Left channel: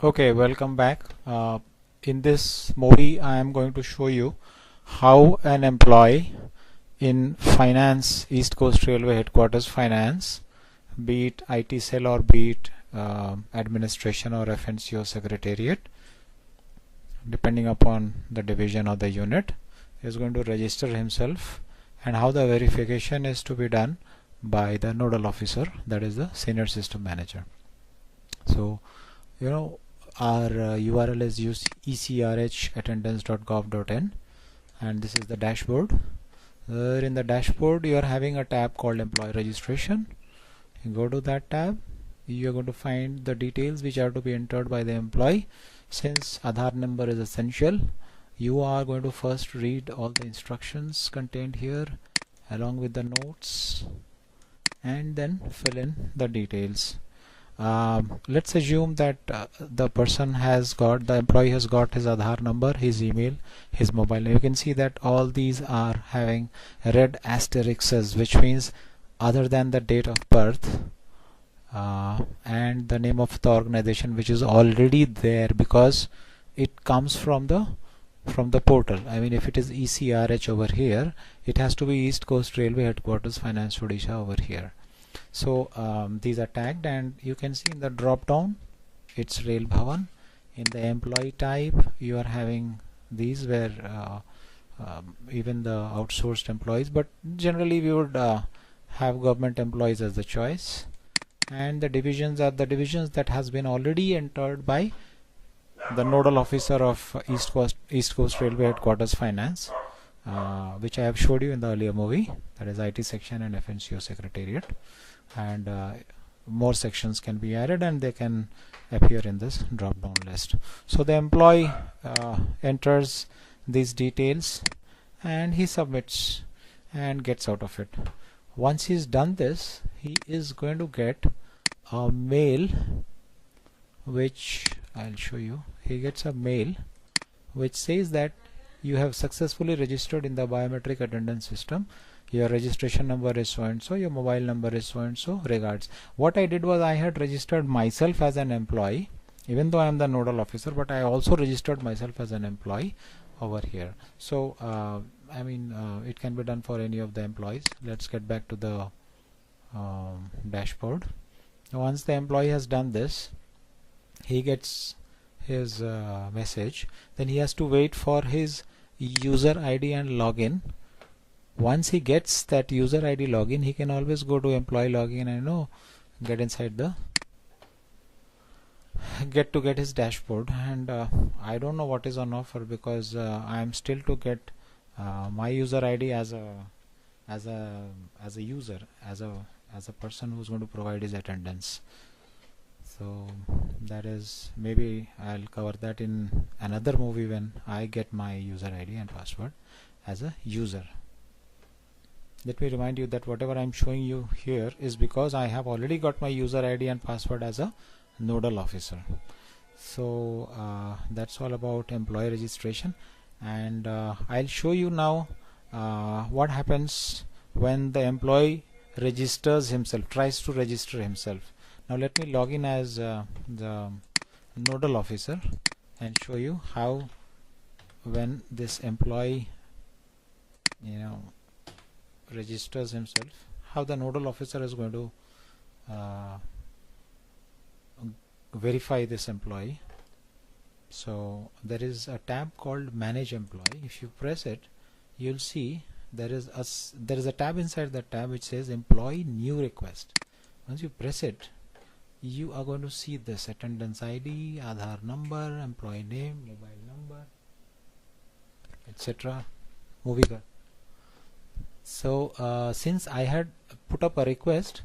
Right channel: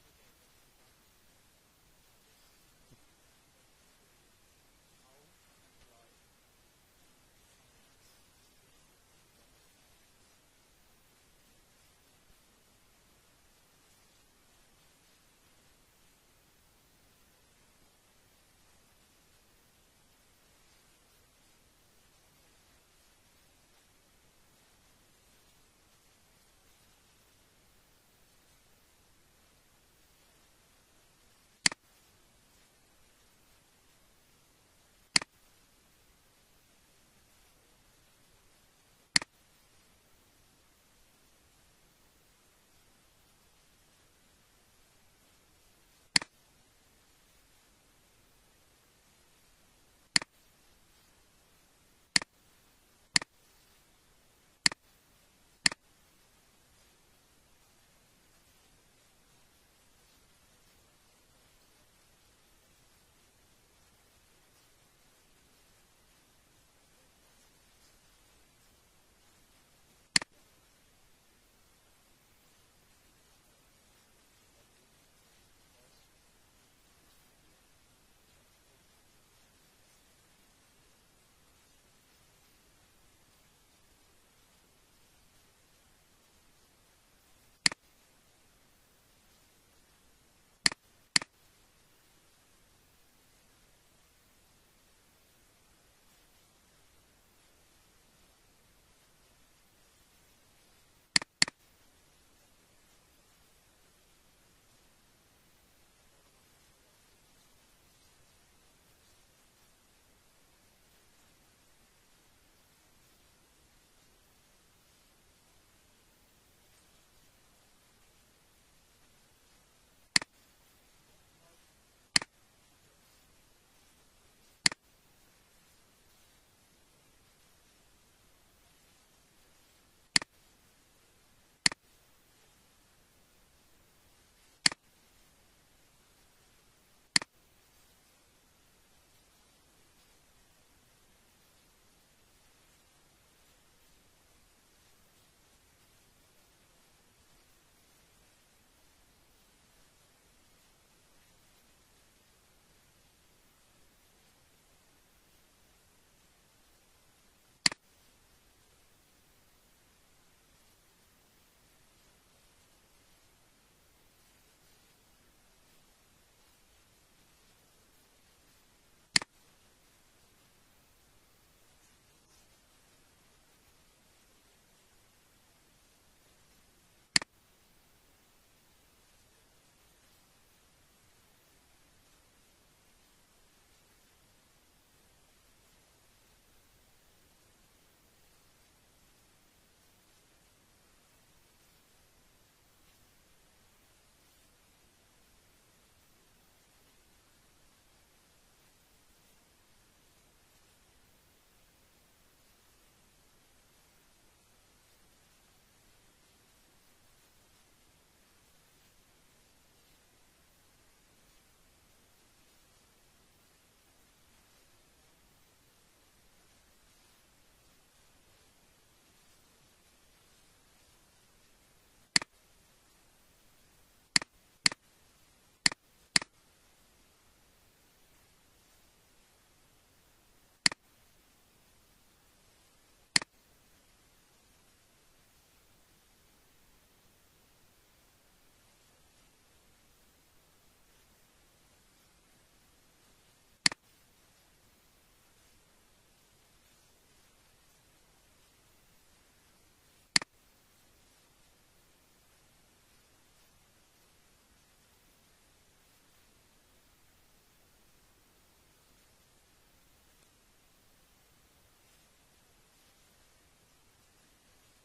Okay, welcome back. In this movie, I am going to show you how an employee in finance, East Coast Railway Headquarters Finance, be it IT cell or be it administration or FNCO Secretariat, depending upon the division or the unit, is going to register himself, and how the verification is to be done by the nodal officer, that is the senior system manager. So, our URL is ecrhattendance.gov.in, and this is the dashboard. In the dashboard, you are having a tab called employee registration. You go to that tab, you are going to find the details which are to be entered by the employee. Since Aadhaar number is essential, you are going to first read all the instructions contained here along with the notes, and then fill in the details. Let's assume that the employee has got his Aadhaar number, his email, his mobile. You can see that all these are having red asterisks, which means other than the date of birth and the name of the organization, which is already there because it comes from the portal. I mean, if it is ECRH over here, it has to be East Coast Railway Headquarters Finance Odisha over here. So these are tagged, and you can see in the drop down it's Rail Bhavan. In the employee type, you are having these where even the outsourced employees, but generally we would have government employees as the choice. And the divisions are the divisions that has been already entered by the nodal officer of East Coast Railway Headquarters Finance, which I have showed you in the earlier movie, that is IT section and FNCO Secretariat. And more sections can be added, and they can appear in this drop down list. So the employee enters these details and he submits and gets out of it. Once he's done this, he is going to get a mail, which I'll show you. He gets a mail which says that you have successfully registered in the biometric attendance system. Your registration number is so and so, your mobile number is so and so, regards. What I did was I had registered myself as an employee, even though I am the nodal officer, but I also registered myself as an employee over here. So it can be done for any of the employees. Let's get back to the dashboard. Once the employee has done this, he gets his message. Then he has to wait for his user ID and login. Once he gets that user ID login, he can always go to employee login and get inside the get his dashboard. And I don't know what is on offer, because I am still to get my user ID as a user, as a person who's going to provide his attendance. So that is, maybe I'll cover that in another movie when I get my user ID and password as a user. Let me remind you that whatever I'm showing you here is because I have already got my user ID and password as a nodal officer. So that's all about employee registration, and I'll show you now what happens when the employee registers himself, tries to register himself. Now let me log in as the nodal officer and show you how, when this employee registers himself, how the nodal officer is going to verify this employee. So there is a tab called Manage Employee. If you press it, you'll see there is a tab inside that tab which says Employee New Request. Once you press it, you are going to see this attendance ID, Aadhaar number, employee name, mobile number, etc. Movie. So since I had put up a request,